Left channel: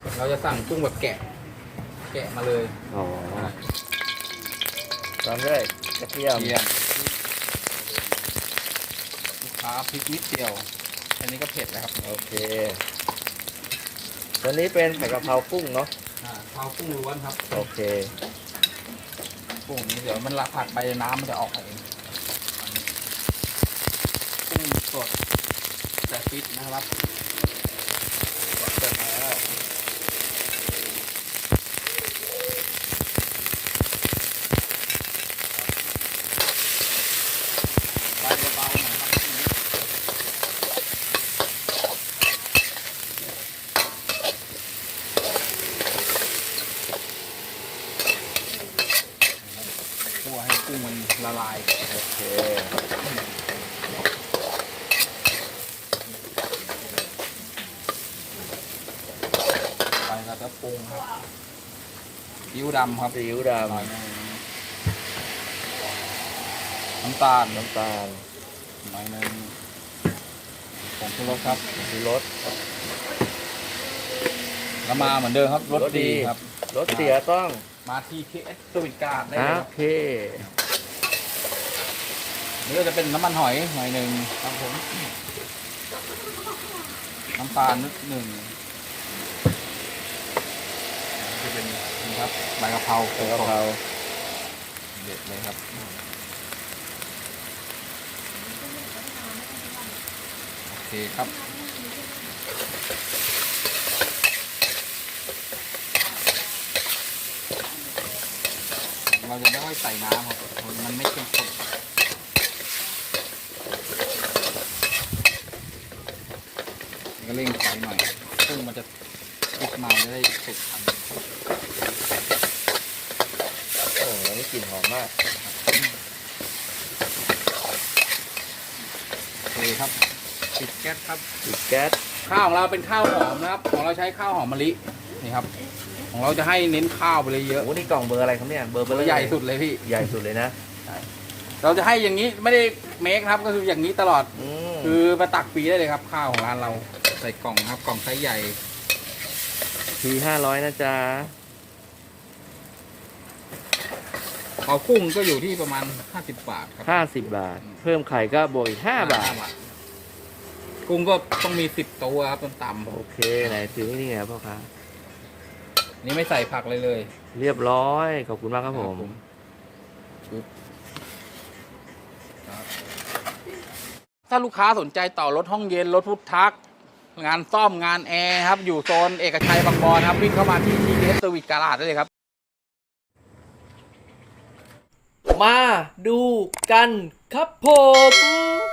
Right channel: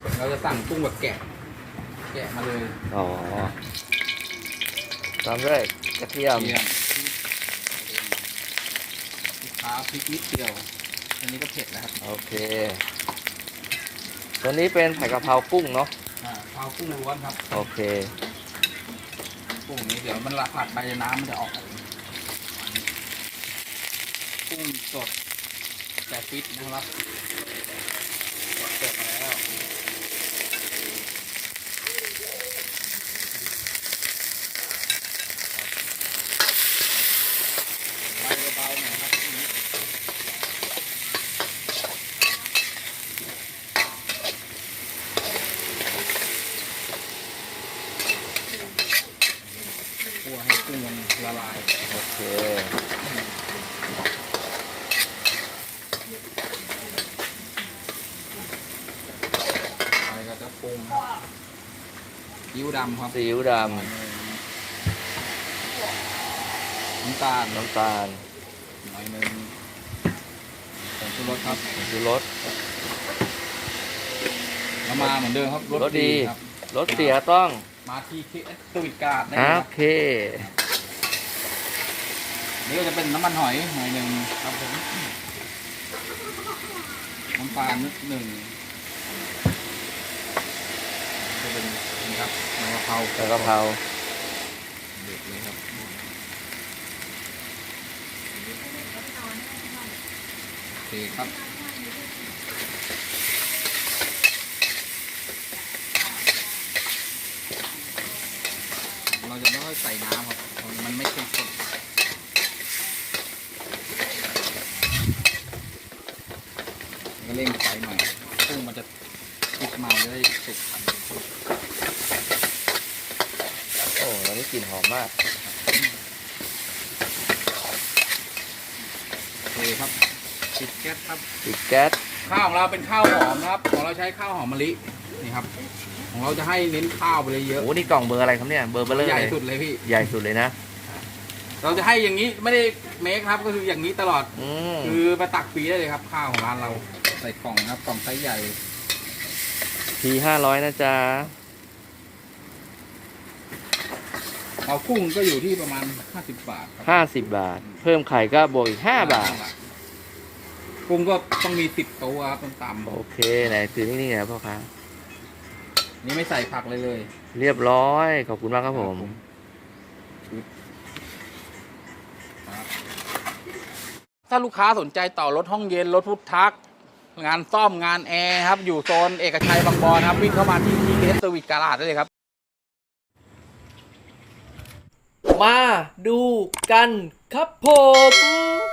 เราจะสั่งกุ้งแบบแกะ แกะมาเลยอ๋อตามด้วยกระเทียมเทียมลูกค้าพริกนิดเดียว อันนี้ก็เผ็ดนะครับโอเค ตัวนี้เป็นผัดกะเพรากุ้งเนาะอ่าข้าวกุ้งล้วนครับโอเค กุ้งนี้เดี๋ยวมันละผัดไปน้ำมันจะออกเองกุ้งสดแต่ฟิตนะครับสดเปิดมาแล้วไฟเบาๆหน่อยครับคั่วให้กุ้งมัน ละลายโอเคไปก็จะปรุงซีอิ๊วดำครับซีอิ๊วดหน่อยหนึ่งน้ำตาลำน้ำตาลหน่อยหนึ่งผงชูรสครับชูรสแล้วมาเหมือนเดิมครับรสรสดีดีครับรสเสียต้องมาที่เคสสวิตการ์ดได้โอเลยครับ เค นี่ก็จะเป็นน้ำมันหอยหน่อยหนึ่งครับผมน้ำตาลนิดหนึ่งจะเป็นนี่ครับใบกะเพราใส่กะเพราเด็ดเลยครับโอเคครับเราจะไม่ค่อยใส่น้ำครับ มันไม่เข้มข้น ก็เร่งไฟหน่อย ซึ่งมันจะติดมาจะได้สุกโอ้อันนี้กลิ่นหอมมากโอเคครับปิดแก๊สครับ ปิดแก๊สข้าวของเราเป็นข้าวหอมนะครับ ของเราใช้ข้าวหอมมะลินี่ครับ ของเราจะให้เน้นข้าวไปเลยเยอะโอ้นี่กล่องเบอร์อะไรครับเนี่ย เบอร์เบอร์เลยใหญ่สุดเลยพี่ ใหญ่สุดเลยนะ เราจะให้อย่างนี้ไม่ได้เมคครับก็คืออย่างนี้ตลอด อืม คือมาตักฟรีได้เลยครับ ข้าวของร้านเรา ใส่กล่องนะครับกล่องไซส์ใหญ่ทีห้าร้อยนะจ๊ะเอากุ้งก็อยู่ที่ประมาณ 50 บาทครับห้าสิบบาท เพิ่มไข่ก็บวกอีกห้าบาท กุ้งก็ต้องมี 10 ตัวครับเป็นต่ำโอเค ไหนถือนิ่งๆนะพ่อค้านี่ไม่ใส่ผักเลยเลยเรียบร้อย ขอบคุณมากครับผม ถ้าลูกค้าสนใจต่อรถห้องเย็นรถพุทธัก งานซ่อมงานแอร์ครับ อยู่โซนเอกชัยบางบอนครับ วิ่งเข้ามาที่ทีเอสเซอร์วิตการาดได้เลยครับ มาดูกันครับผม